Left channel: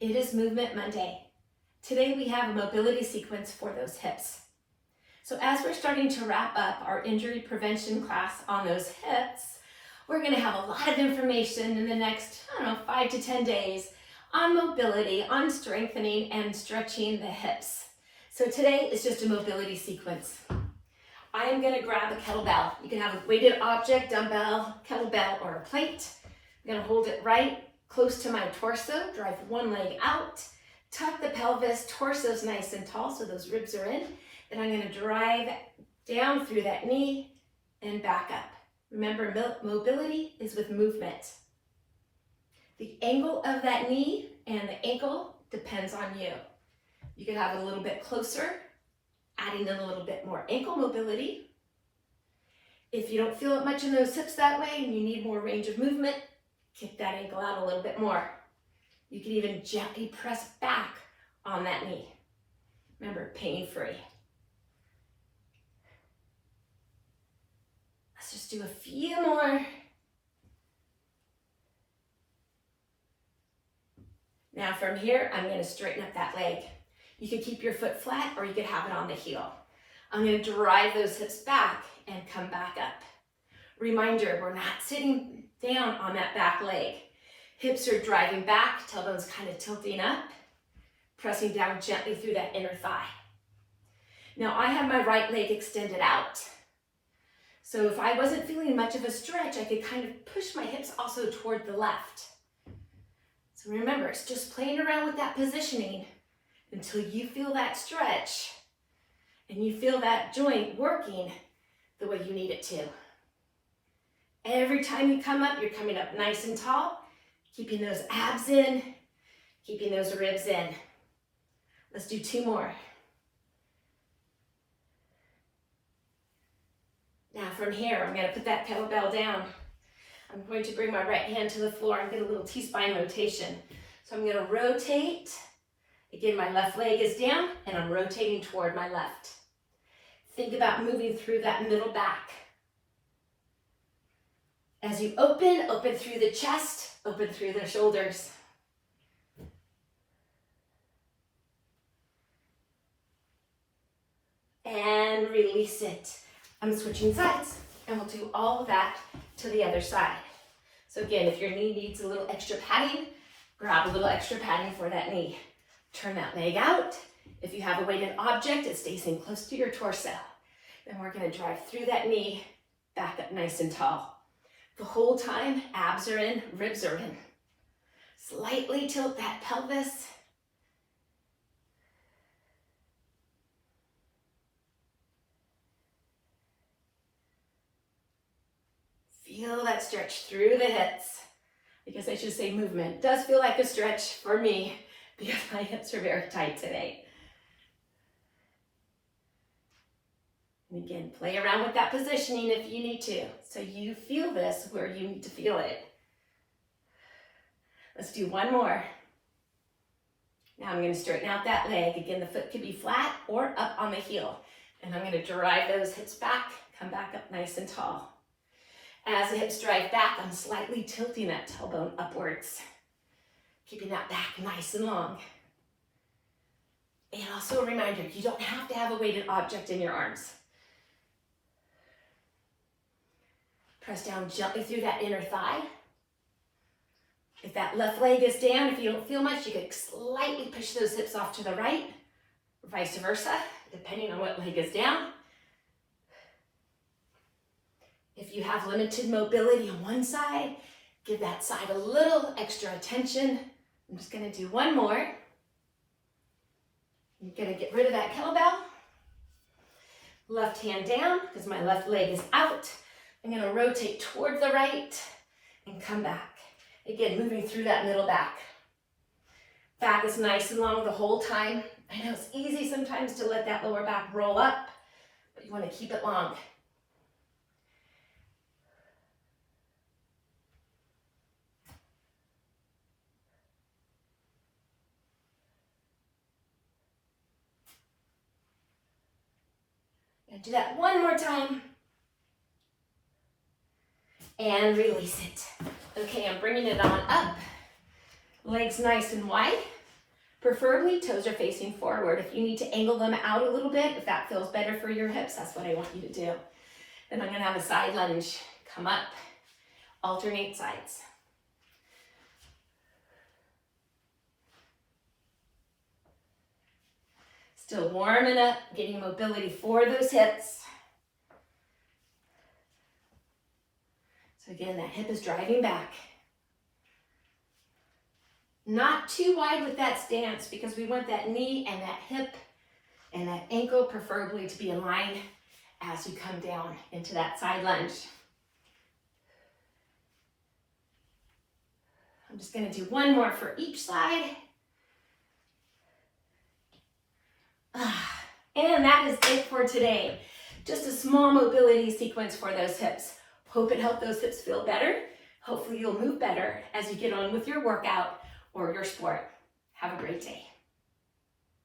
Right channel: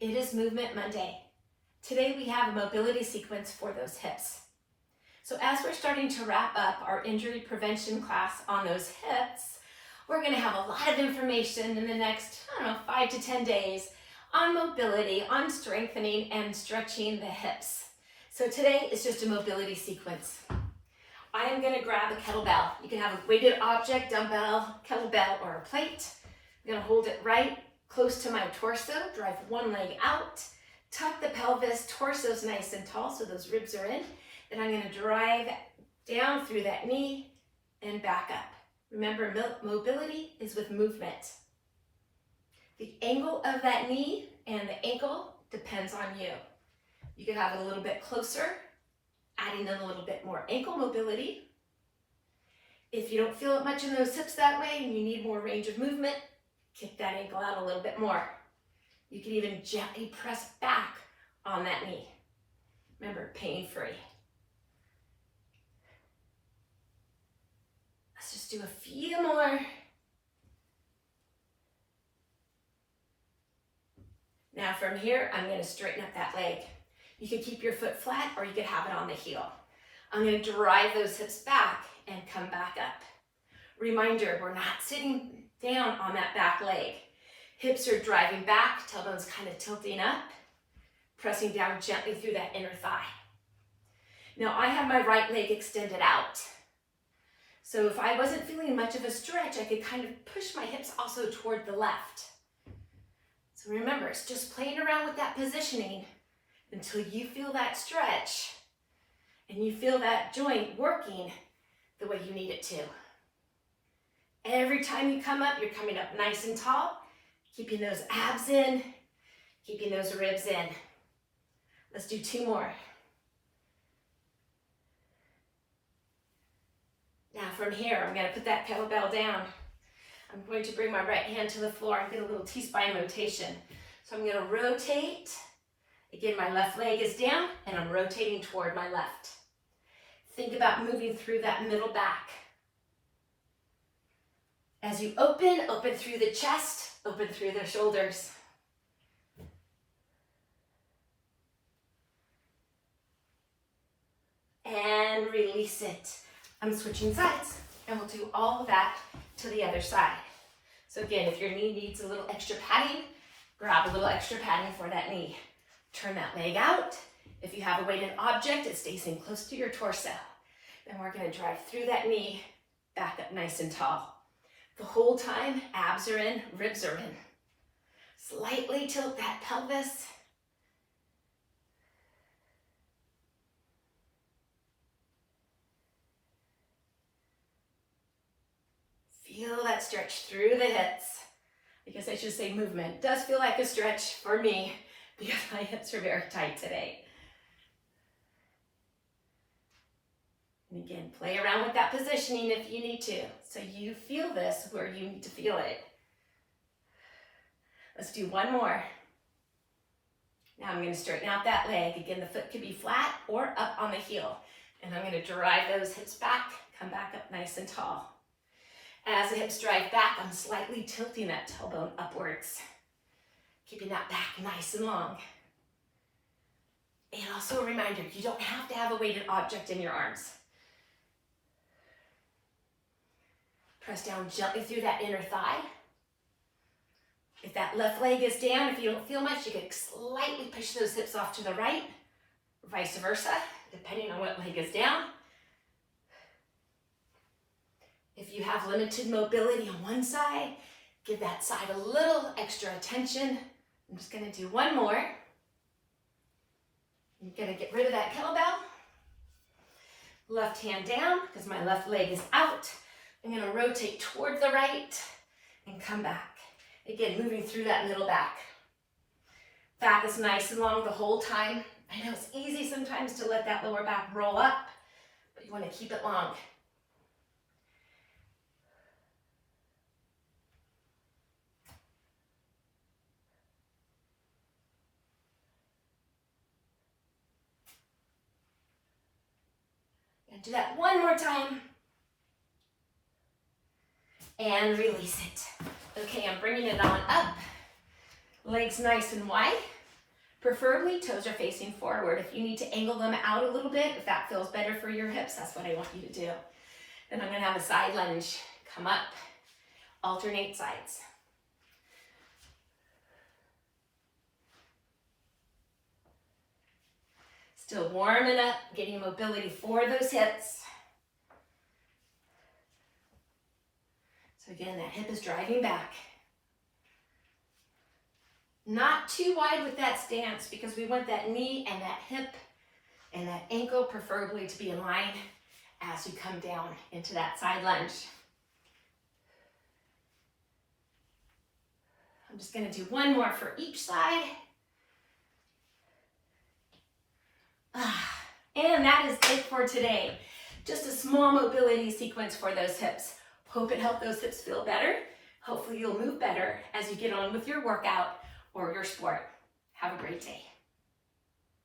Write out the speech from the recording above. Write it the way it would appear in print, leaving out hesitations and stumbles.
It is Movement Monday. Today we have a mobility sequence for those hips. So as we're starting to wrap up our injury prevention class on those hips, we're going to have a lot of information in the next, 5 to 10 days on mobility, on strengthening and stretching the hips. So today is just a mobility sequence. I am going to grab a kettlebell. You can have a weighted object, dumbbell, kettlebell, or a plate. I'm going to hold it right close to my torso, drive one leg out, tuck the pelvis, torso's nice and tall so those ribs are in. Then I'm going to drive down through that knee and back up. Remember, mobility is with movement. The angle of that knee and the ankle depends on you. You can have it a little bit closer, adding in a little bit more ankle mobility. If you don't feel it much in those hips that way and you need more range of movement, kick that ankle out a little bit more. You can even gently press back on that knee. Remember, pain-free. Let's just do a few more. Now from here, I'm going to straighten up that leg. You can keep your foot flat or you can have it on the heel. I'm going to drive those hips back and come back up. Reminder, we're not sitting down on that back leg. Hips are driving back, tailbone's kind of tilting up, pressing down gently through that inner thigh. Now I have my right leg extended out. So if I wasn't feeling much of a stretch, I could kind of push my hips also toward the left. So remember, it's just playing around with that positioning until you feel that stretch and you feel that joint working the way you need it to. Every time you come up, you're coming up nice and tall, keeping those abs in, keeping those ribs in. Let's do 2 more. Now from here, I'm going to put that kettlebell down. I'm going to bring my right hand to the floor and get a little T-spine rotation. So I'm going to rotate. Again, my left leg is down and I'm rotating toward my left. Think about moving through that middle back. As you open through the chest, open through the shoulders. And release it. I'm switching sides and we'll do all of that to the other side. So again, if your knee needs a little extra padding, grab a little extra padding for that knee. Turn that leg out. If you have a weighted object, it stays in close to your torso. Then we're going to drive through that knee, back up nice and tall. The whole time, abs are in, ribs are in. Slightly tilt that pelvis. Feel that stretch through the hips. I guess I should say movement. It does feel like a stretch for me because my hips are very tight today. And again, play around with that positioning if you need to. So you feel this where you need to feel it. Let's do 1 more. Now I'm going to straighten out that leg. Again, the foot could be flat or up on the heel. And I'm going to drive those hips back, come back up nice and tall. As the hips drive back, I'm slightly tilting that tailbone upwards, keeping that back nice and long. And also a reminder, you don't have to have a weighted object in your arms. Press down gently through that inner thigh. If that left leg is down, if you don't feel much, you can slightly push those hips off to the right, or vice versa, depending on what leg is down. If you have limited mobility on one side, give that side a little extra attention. I'm just going to do 1 more. I'm going to get rid of that kettlebell. Left hand down because my left leg is out. I'm going to rotate toward the right and come back. Again, moving through that middle back. Back is nice and long the whole time. I know it's easy sometimes to let that lower back roll up, but you want to keep it long. Do that 1 more time. And release it. Okay, I'm bringing it on up. Legs nice and wide. Preferably toes are facing forward. If you need to angle them out a little bit, if that feels better for your hips, that's what I want you to do. Then I'm gonna have a side lunge. Come up, alternate sides. Still warming up, getting mobility for those hips. So again, that hip is driving back. Not too wide with that stance because we want that knee and that hip and that ankle preferably to be in line as you come down into that side lunge. I'm just going to do one more for each side. And that is it for today. Just a small mobility sequence for those hips. Hope it helped those hips feel better. Hopefully you'll move better as you get on with your workout or your sport. Have a great day.